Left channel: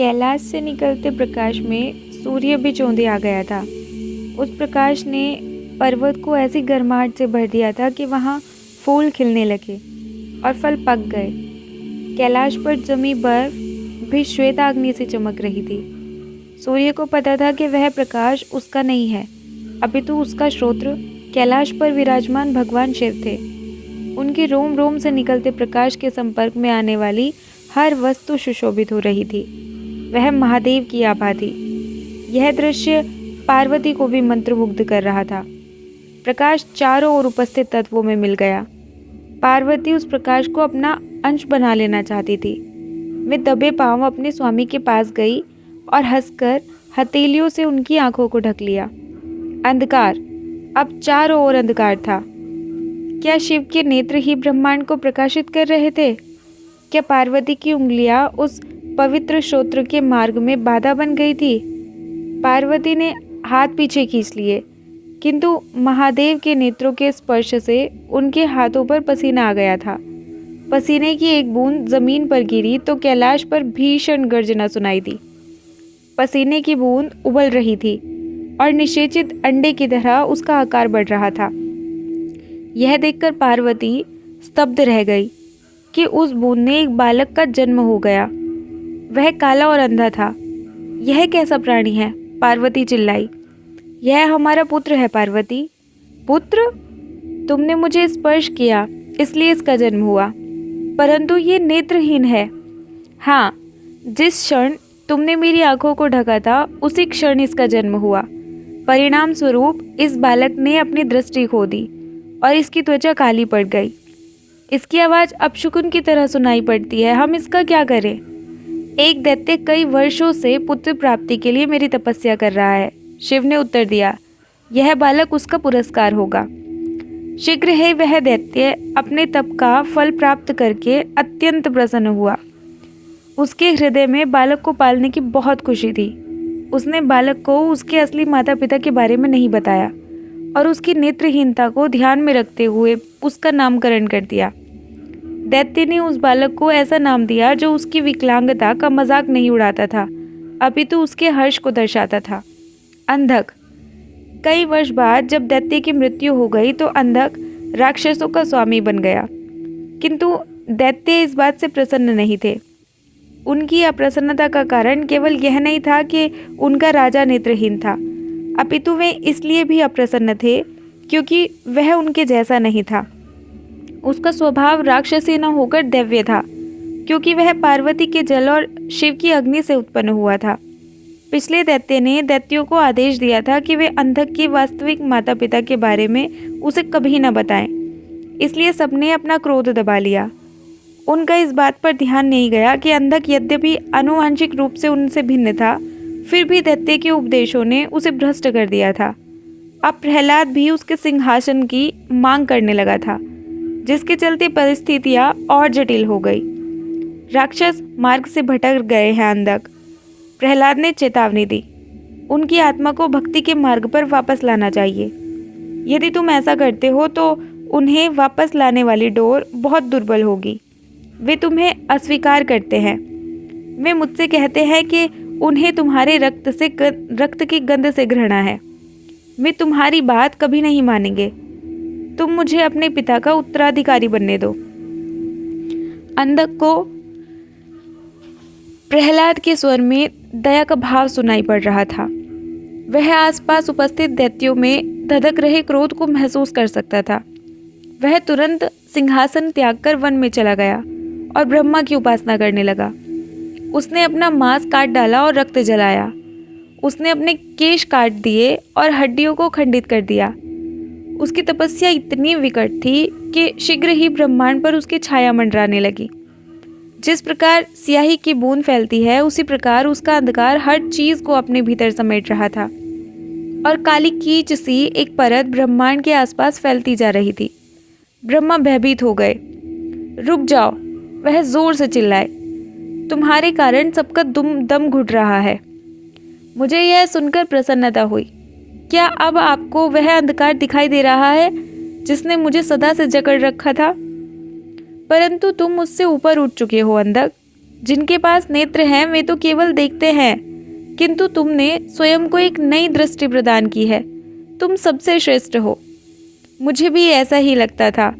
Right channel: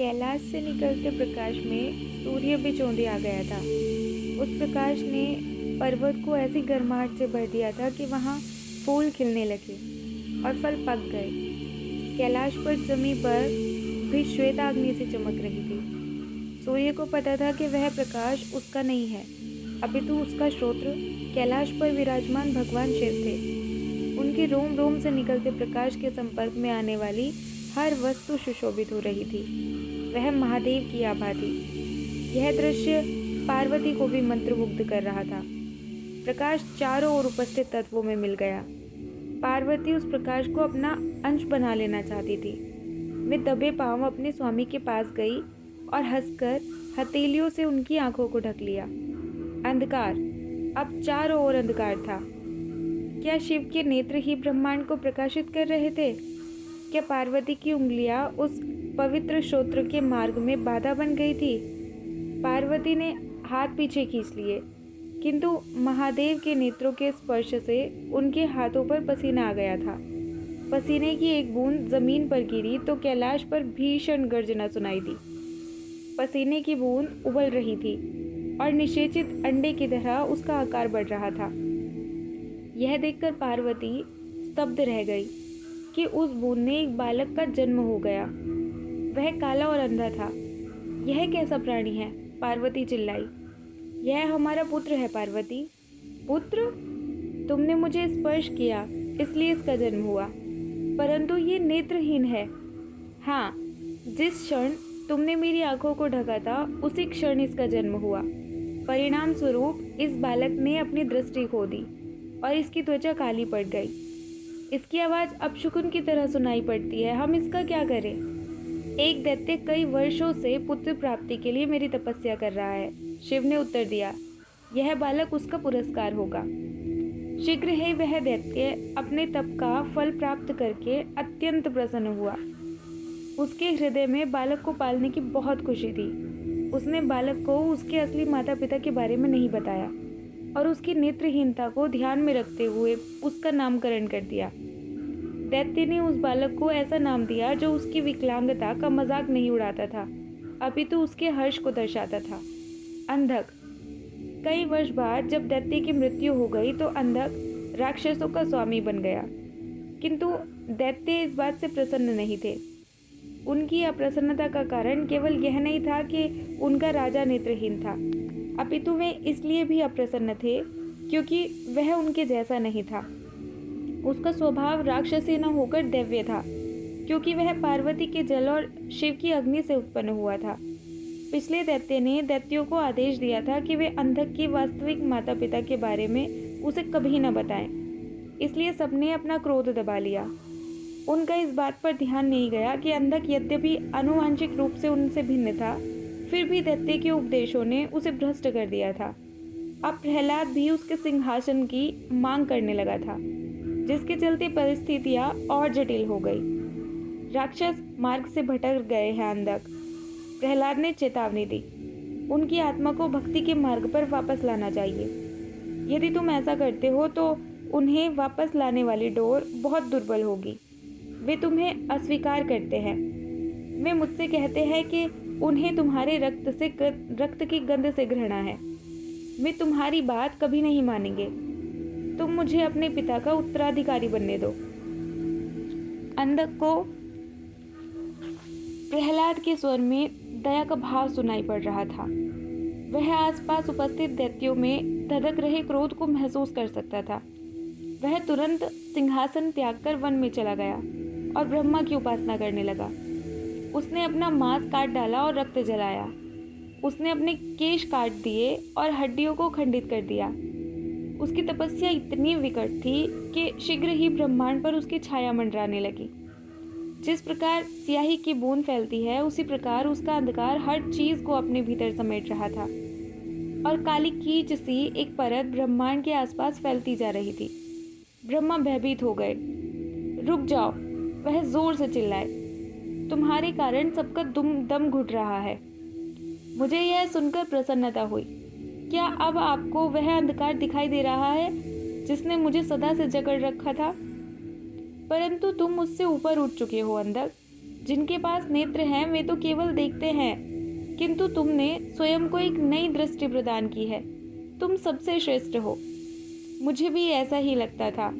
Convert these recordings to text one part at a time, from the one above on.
कैलाश से निकलते प्रकाश में सूर्य भी चौंधे आ गया था। उस प्रकाश ने पर्वत को ऐसी गर्माहट से भर दिया था कि वहाँ फूल खिलने लगे और फल पक गए। कैलाश पर जमी बर्फ भी श्वेताग्नि से चमक रही थी। सूर्य को पता था कि वह प्रकाश उसका नहीं है, अपितु उसका श्रोत्र कैलाश पर विराजमान भगवान शिव थे। उनके रोम रोम से निकलते प्रकाश के संपर्क में आने वाली हर वस्तु सुशोभित हो रही थी। वह महादेव की आभा थी। यह दृश्य पार्वती को भी मंत्रमुग्ध कर रहा था। प्रकाश चारों ओर उपस्थित तत्वों में मिल गया। पार्वती उस प्रकाश को अपना अंश बना लेना चाहती थी। वे दबे पांव अपने स्वामी के पास गई और हंसकर हथेलियों से उनकी आंखों को ढक लिया। अंधकार, अब चारों ओर अंधकार था। क्या शिव के नेत्र ही ब्रह्मांड को प्रकाशित कर रहे थे? क्या पार्वती की उंगलियां उस पवित्र श्रोत्र के मार्ग में बाधा बन गई थी? पार्वती ने हाथ पीछे खींच लिए, किंतु महादेव के नेत्रों के स्पर्श से उनके हाथों पर पसीना आ गया था। पसीने की एक बूंद जमीन पर गिरी तो कैलाश पर भीषण गर्जना सुनाई दी। पसीने की बूंद उबल रही थी और निषेचित अंडे की तरह उसका आकार बढ़ रहा था। यह देखकर पार्वती स्तब्ध रह गई कि उस बूंद ने एक बालक का जन्म हो गया। वह काला और अंधा था। यह कैसा प्राणी है? पार्वती चिल्लाई। यह हमारा पुत्र है पार्वती। पुत्र? तुमने मुझे स्पर्श किया इसलिए इसका जन्म हुआ, परंतु ये नेत्रहीन है। हाँ, जिस क्षण तुमने मेरी आंखों को ढका था उसी क्षण इसका जन्म हुआ। परिणाम स्वरूप इस बालक ने अपनी दृष्टि खो दी और इसकी त्वचा काली पड़ गई। इसकी आवाज़ अपशकुन की तरह सुनाई पड़ती है। हम इसका क्या करें? एक दैत्य कई वर्षों से पुत्र प्राप्ति के लिए मेरी तपस्या कर रहा है। शिव ने उत्तर दिया, यह बालक उसका पुरस्कार होगा। शीघ्र ही वह दैत्य अपने तप का फल प्राप्त करके अत्यंत प्रसन्न हुआ। उसके हृदय में बालक को पालने की बहुत खुशी थी। उसने बालक को उसके असली माता पिता के बारे में नहीं बताया और उसकी नेत्रहीनता को ध्यान में रखते हुए उसका नामकरण कर दिया। दैत्य ने उस बालक को ऐसा नाम दिया जो उसकी विकलांगता का मजाक नहीं उड़ाता था, अपितु उसके हर्ष को दर्शाता था। अंधक। कई वर्ष बाद जब दैत्य की मृत्यु हो गई तो अंधक राक्षसों का स्वामी बन गया, किंतु दैत्य इस बात से प्रसन्न नहीं थे। उनकी अप्रसन्नता का कारण केवल यह नहीं था कि उनका राजा नेत्रहीन था, अपितु वे इसलिए भी अप्रसन्न थे क्योंकि वह उनके जैसा नहीं था। उसका स्वभाव राक्षसी न होकर दैव्य था, क्योंकि वह पार्वती के जल और शिव की अग्नि से उत्पन्न हुआ था। पिछले दैत्य ने दैत्यों को आदेश दिया था कि वे अंधक के वास्तविक माता पिता के बारे में उसे कभी न बताएं, इसलिए सबने अपना क्रोध दबा लिया। उनका इस बात पर ध्यान नहीं गया कि अंधक यद्यपि आनुवंशिक रूप से उनसे भिन्न था, फिर भी दैत्य के उपदेशों ने उसे भ्रष्ट कर दिया था। अब प्रहलाद भी उसके सिंहासन की मांग करने लगा था, जिसके चलते परिस्थितियां और जटिल हो गई। राक्षस मार्ग से भटक गए हैं अंधक। प्रहलाद ने चेतावनी दी, उनकी आत्मा को भक्ति के मार्ग पर वापस लाना चाहिए। यदि तुम ऐसा करते हो तो उन्हें वापस लाने वाली डोर बहुत दुर्बल होगी। वे तुम्हें अस्वीकार करते हैं। वे मुझसे कहते हैं कि उन्हें तुम्हारे रक्त की गंध से घृणा है। वे तुम्हारी बात कभी नहीं मानेंगे। तुम मुझे अपने पिता का उत्तराधिकारी बनने दो। अंधक को प्रहलाद के स्वर में दया का भाव सुनाई पड़ रहा था। वह आसपास उपस्थित दैत्यों में धधक रहे क्रोध को महसूस कर सकता था। वह तुरंत सिंहासन त्यागकर वन में चला गया और ब्रह्मा की उपासना करने लगा। उसने अपना मांस काट डाला और रक्त जलाया। उसने अपने केश काट दिए और हड्डियों को खंडित कर दिया। उसकी तपस्या इतनी विकट थी कि शीघ्र ही ब्रह्मांड पर उसकी छाया मंडराने लगी। जिस प्रकार स्याही की बूंद फैलती है, उसी प्रकार उसका अंधकार हर चीज को अपने भीतर समेट रहा था और काली कीच सी एक परत ब्रह्मांड के आसपास फैलती जा रही थी। ब्रह्मा भयभीत हो गए। रुक जाओ, वह जोर से चिल्लाए, तुम्हारे कारण सबका दम घुट रहा है। मुझे यह सुनकर प्रसन्नता हुई। क्या अब आपको वह अंधकार दिखाई दे रहा है जिसने मुझे सदा से जकड़ रखा था? परंतु तुम मुझसे ऊपर उठ चुके हो अंधक। जिनके पास नेत्र हैं वे तो केवल देखते हैं, किंतु तुमने स्वयं को एक नई दृष्टि प्रदान की है। तुम सबसे श्रेष्ठ हो। मुझे भी ऐसा ही लगता था,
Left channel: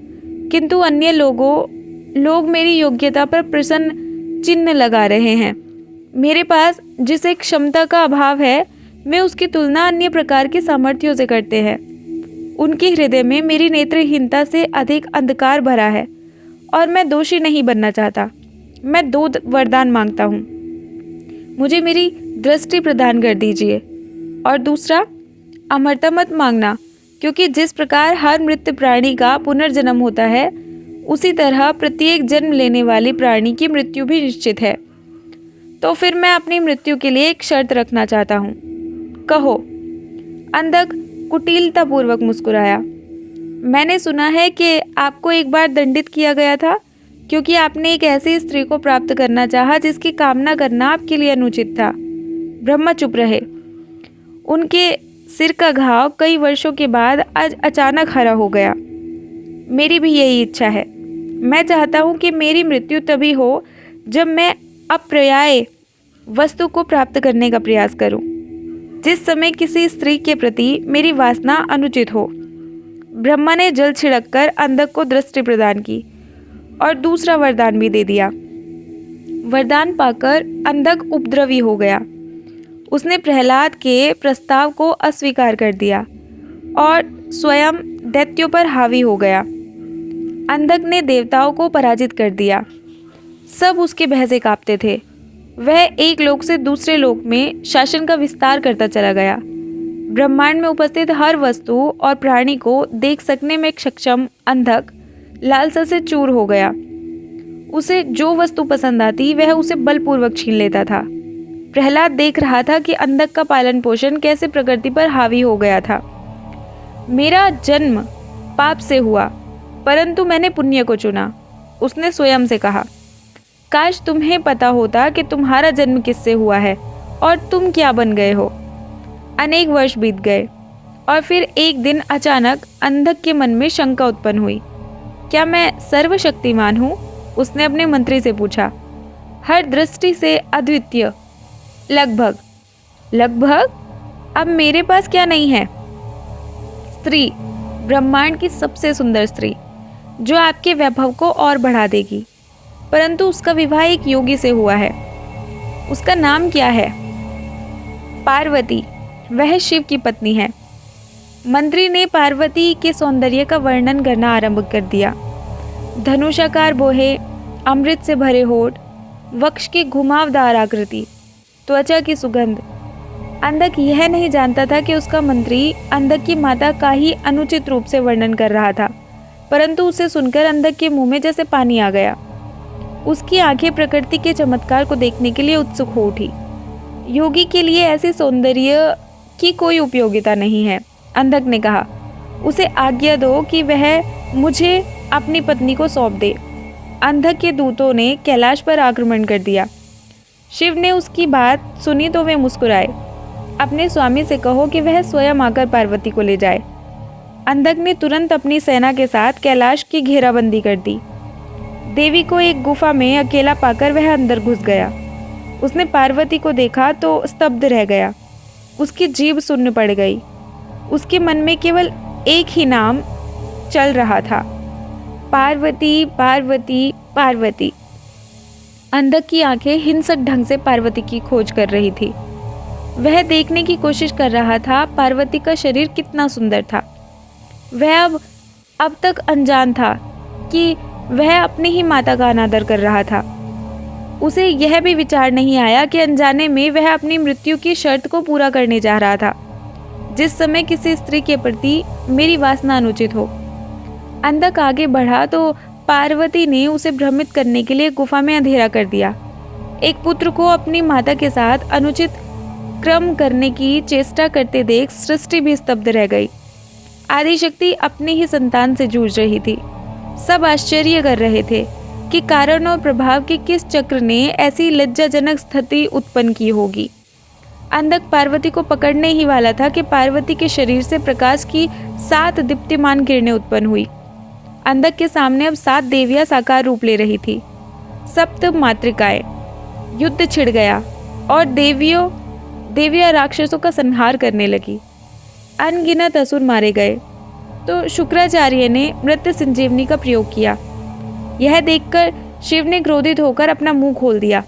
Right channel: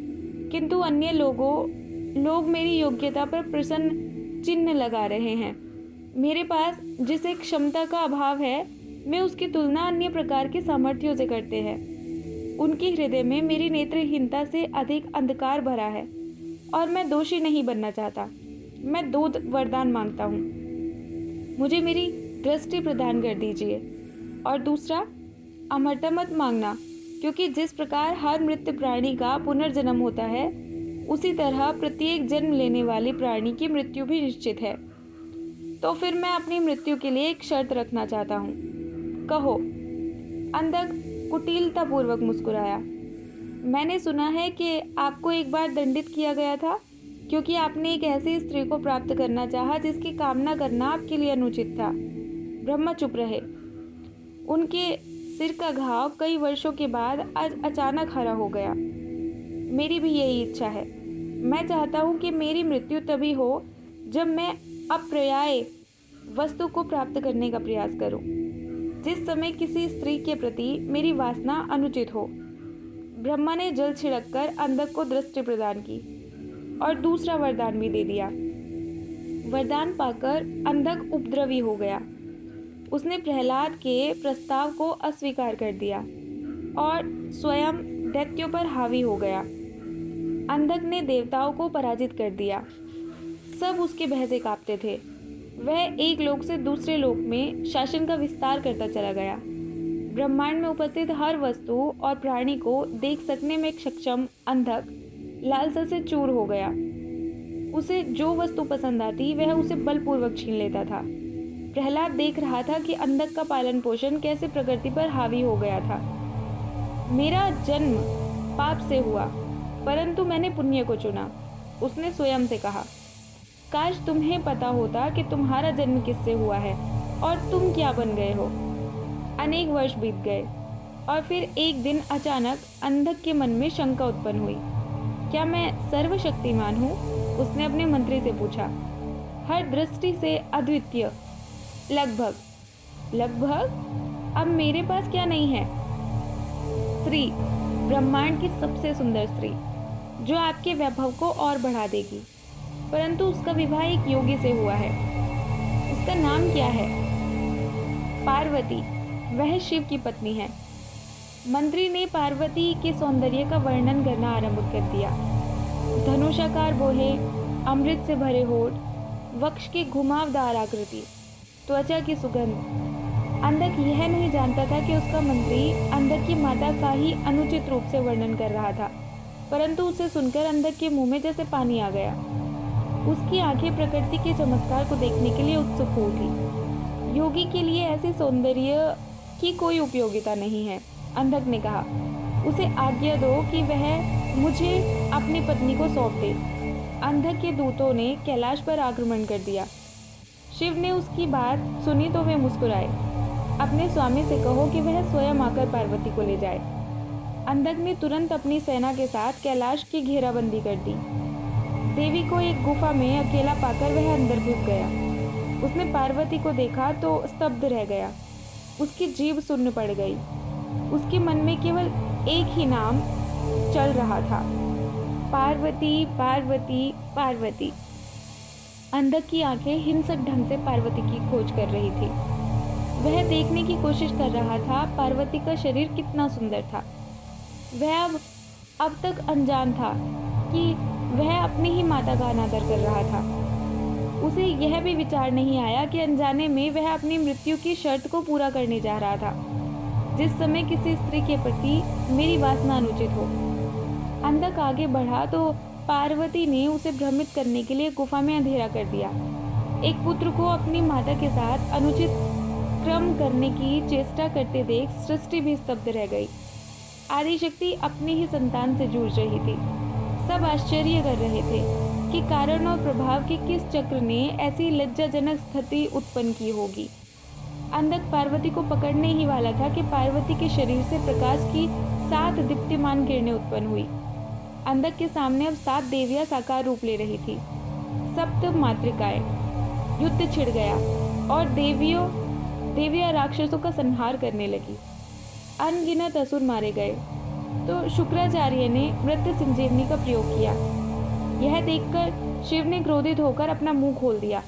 किंतु अन्य लोग मेरी योग्यता पर प्रश्न चिन्ह लगा रहे हैं। मेरे पास जिस एक क्षमता का अभाव है, वे उसकी तुलना अन्य प्रकार के सामर्थ्यों से करते हैं। उनके हृदय में मेरी नेत्रहीनता से अधिक अंधकार भरा है और मैं दोषी नहीं बनना चाहता। मैं 2 वरदान मांगता हूँ। मुझे मेरी दृष्टि प्रदान कर दीजिए, और दूसरा, अमरता मत मांगना, क्योंकि जिस प्रकार हर मृत प्राणी का पुनर्जन्म होता है, उसी तरह प्रत्येक जन्म लेने वाले प्राणी की मृत्यु भी निश्चित है। तो फिर मैं अपनी मृत्यु के लिए एक शर्त रखना चाहता हूँ। कहो। अंधक कुटिलतापूर्वक मुस्कुराया। मैंने सुना है कि आपको एक बार दंडित किया गया था, क्योंकि आपने एक ऐसी स्त्री को प्राप्त करना चाहा जिसकी कामना करना आपके लिए अनुचित था। ब्रह्मा चुप रहे। उनके सिर का घाव कई वर्षों के बाद आज अचानक हरा हो गया। मेरी भी यही इच्छा है। मैं चाहता हूँ कि मेरी मृत्यु तभी हो जब मैं अप्राप्य वस्तु को प्राप्त करने का प्रयास करूं, जिस समय किसी स्त्री के प्रति मेरी वासना अनुचित हो। ब्रह्मा ने जल छिड़ककर अंधक को दृष्टि प्रदान की और दूसरा वरदान भी दे दिया। वरदान पाकर अंधक उपद्रवी हो गया। उसने प्रहलाद के प्रस्ताव को अस्वीकार कर दिया और स्वयं दैत्यों पर हावी हो गया। अंधक ने देवताओं को पराजित कर दिया। सब उसके भय से कांपते थे। वह एक लोक से दूसरे लोक में शासन का विस्तार करता चला गया। ब्रह्मांड में उपस्थित हर वस्तु और प्राणी को देख सकने में सक्षम अंधक लालसा से चूर हो गया। उसे जो वस्तु पसंद आती वह उसे बलपूर्वक छीन लेता था। प्रहलाद देख रहा था कि अंधक का पालन पोषण कैसे प्रकृति पर हावी हो गया था। मेरा जन्म पाप से हुआ, परंतु मैंने पुण्य को चुना, उसने स्वयं से कहा। काश तुम्हें पता होता कि तुम्हारा जन्म किससे हुआ है और तुम क्या बन गए हो। अनेक वर्ष बीत गए और फिर एक दिन अचानक अंधक के मन में शंका उत्पन्न हुई। क्या मैं सर्वशक्तिमान हूँ? उसने अपने मंत्री से पूछा। हर दृष्टि से अद्वितीय। लगभग। अब मेरे पास क्या नहीं है? स्त्री, ब्रह्मांड की सबसे सुंदर स्त्री, जो आपके वैभव को और बढ़ा देगी, परंतु उसका विवाह एक योगी से हुआ है। उसका नाम क्या है? पार्वती। वह शिव की पत्नी है। मंत्री ने पार्वती के सौंदर्य का वर्णन करना आरंभ कर दिया। धनुषाकार बोहे, अमृत से भरे होठ, वक्ष की घुमावदार आकृति, त्वचा की सुगंध। अंधक यह नहीं जानता था कि उसका मंत्री अंधक की माता का ही अनुचित रूप से वर्णन कर रहा था, परंतु उसे सुनकर अंधक के मुंह में जैसे पानी आ गया। उसकी आंखें प्रकृति के चमत्कार को देखने के लिए उत्सुक हो उठी। योगी के लिए ऐसे सौंदर्य की कोई उपयोगिता नहीं है, अंधक ने कहा। उसे आज्ञा दो कि वह मुझे अपनी पत्नी को सौंप दे। अंधक के दूतों ने कैलाश पर आक्रमण कर दिया। शिव ने उसकी बात सुनी तो वे मुस्कुराए। अपने स्वामी से कहो कि वह स्वयं आकर पार्वती को ले जाए। अंधक ने तुरंत अपनी सेना के साथ कैलाश की घेराबंदी कर दी। देवी को एक गुफा में अकेला पाकर वह अंदर घुस गया। उसने पार्वती को देखा तो स्तब्ध रह गया। उसकी जीभ सुन्न पड़ गई। उसके मन में केवल एक ही नाम चल रहा था, पार्वती, पार्वती, पार्वती। अंधक की आंखें हिंसक ढंग से पार्वती की खोज कर रही थी। वह देखने की कोशिश कर रहा था पार्वती का शरीर कितना सुंदर था। वह अब तक अनजान था कि वह अपनी ही माता का अनादर कर रहा था। उसे यह भी विचार नहीं आया कि अनजाने में वह अपनी मृत्यु की शर्त को पूरा करने जा रहा था, जिस समय किसी स्त्री के प्रति मेरी वासना अनुचित हो। अंधक आगे बढ़ा तो पार्वती ने उसे भ्रमित करने के लिए गुफा में अंधेरा कर दिया। एक पुत्र को अपनी माता के साथ अनुचित क्रम करने की चेष्टा करते देख सृष्टि भी स्तब्ध रह गई। आदिशक्ति अपनी ही संतान से जूझ रही थी। सब आश्चर्य कर रहे थे कि कारण और प्रभाव के किस चक्र ने ऐसी लज्जाजनक स्थिति उत्पन्न की होगी। अंधक पार्वती को पकड़ने ही वाला था कि पार्वती के शरीर से प्रकाश की 7 दीप्तिमान किरणें उत्पन्न हुई। अंधक के सामने अब 7 देवियां साकार रूप ले रही थी। सप्त मातृकाएं, युद्ध छिड़ गया और देवियाँ राक्षसों का संहार करने लगी। अनगिनत असुर मारे गए। तो शुक्राचार्य ने मृत्यु संजीवनी का प्रयोग किया। यह देखकर शिव ने क्रोधित होकर अपना मुंह खोल दिया।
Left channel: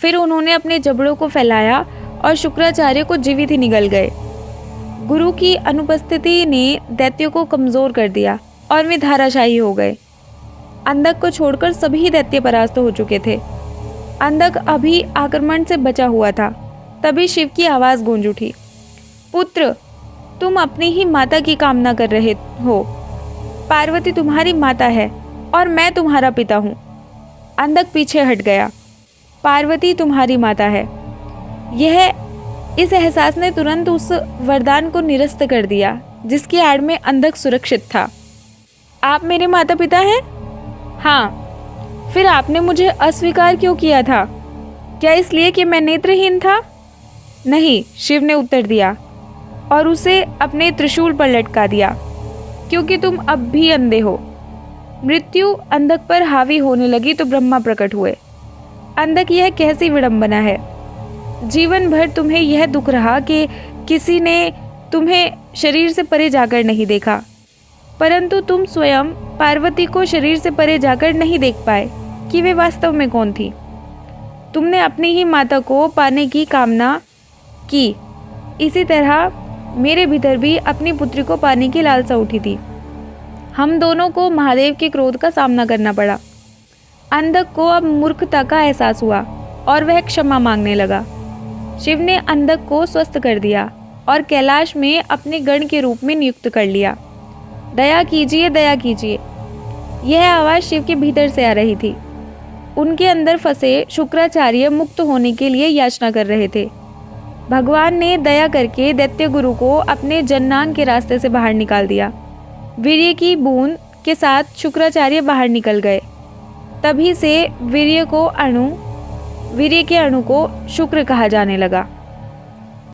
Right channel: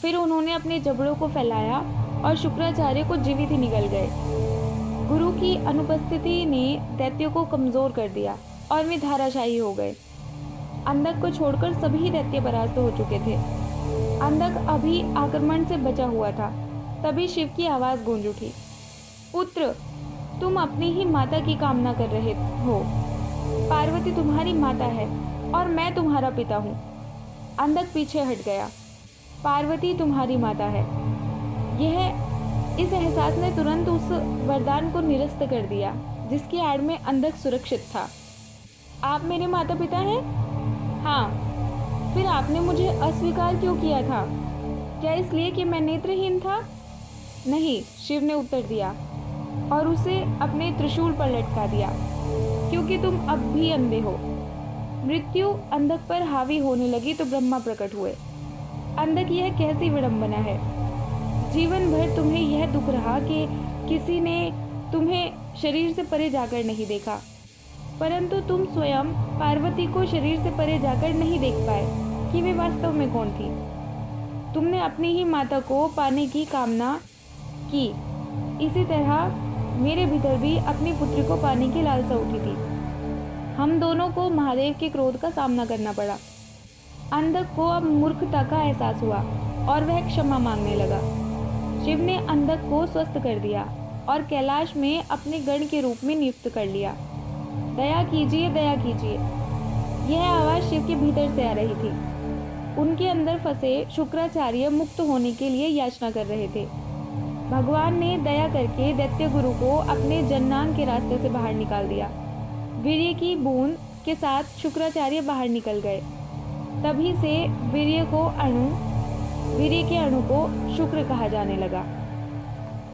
फिर उन्होंने अपने जबड़ों को फैलाया और शुक्राचार्य को जीवित ही निगल गए। गुरु की अनुपस्थिति ने दैत्यों को कमजोर कर दिया और वे धाराशायी हो गए। अंधक को छोड़कर सभी दैत्य परास्त हो चुके थे। अंधक अभी आक्रमण से बचा हुआ था। तभी शिव की आवाज गूंज उठी, पुत्र, तुम अपनी ही माता की कामना कर रहे हो। पार्वती तुम्हारी माता है और मैं तुम्हारा पिता हूँ। अंधक पीछे हट गया। पार्वती तुम्हारी माता है। इस एहसास ने तुरंत उस वरदान को निरस्त कर दिया जिसकी आड़ में अंधक सुरक्षित था। आप मेरे माता पिता हैं? हाँ। फिर आपने मुझे अस्वीकार क्यों किया था? क्या इसलिए कि मैं नेत्रहीन था? नहीं, शिव ने उत्तर दिया और उसे अपने त्रिशूल पर लटका दिया, क्योंकि तुम अब भी अंधे हो। मृत्यु अंधक पर हावी होने लगी तो ब्रह्मा प्रकट हुए। अंधक, यह कैसी विडंबना है। जीवन भर तुम्हें यह दुख रहा कि किसी ने तुम्हें शरीर से परे जाकर नहीं देखा, परंतु तुम स्वयं पार्वती को शरीर से परे जाकर नहीं देख पाए कि वे वास्तव में कौन थी। तुमने अपनी ही माता को पाने की कामना की। इसी तरह मेरे भीतर भी अपनी पुत्री को पाने की लालसा उठी थी। हम दोनों को महादेव के क्रोध का सामना करना पड़ा। अंधक को अब मूर्खता का एहसास हुआ और वह क्षमा मांगने लगा। शिव ने अंधक को स्वस्थ कर दिया और कैलाश में अपने गण के रूप में नियुक्त कर लिया। दया कीजिए, दया कीजिए, यह आवाज़ शिव के भीतर से आ रही थी। उनके अंदर फंसे शुक्राचार्य मुक्त होने के लिए याचना कर रहे थे। भगवान ने दया करके दैत्य गुरु को अपने जन्नांग के रास्ते से बाहर निकाल दिया। वीर्य की बूंद के साथ शुक्राचार्य बाहर निकल गए। तभी से वीर्य के अणु को शुक्र कहा जाने लगा।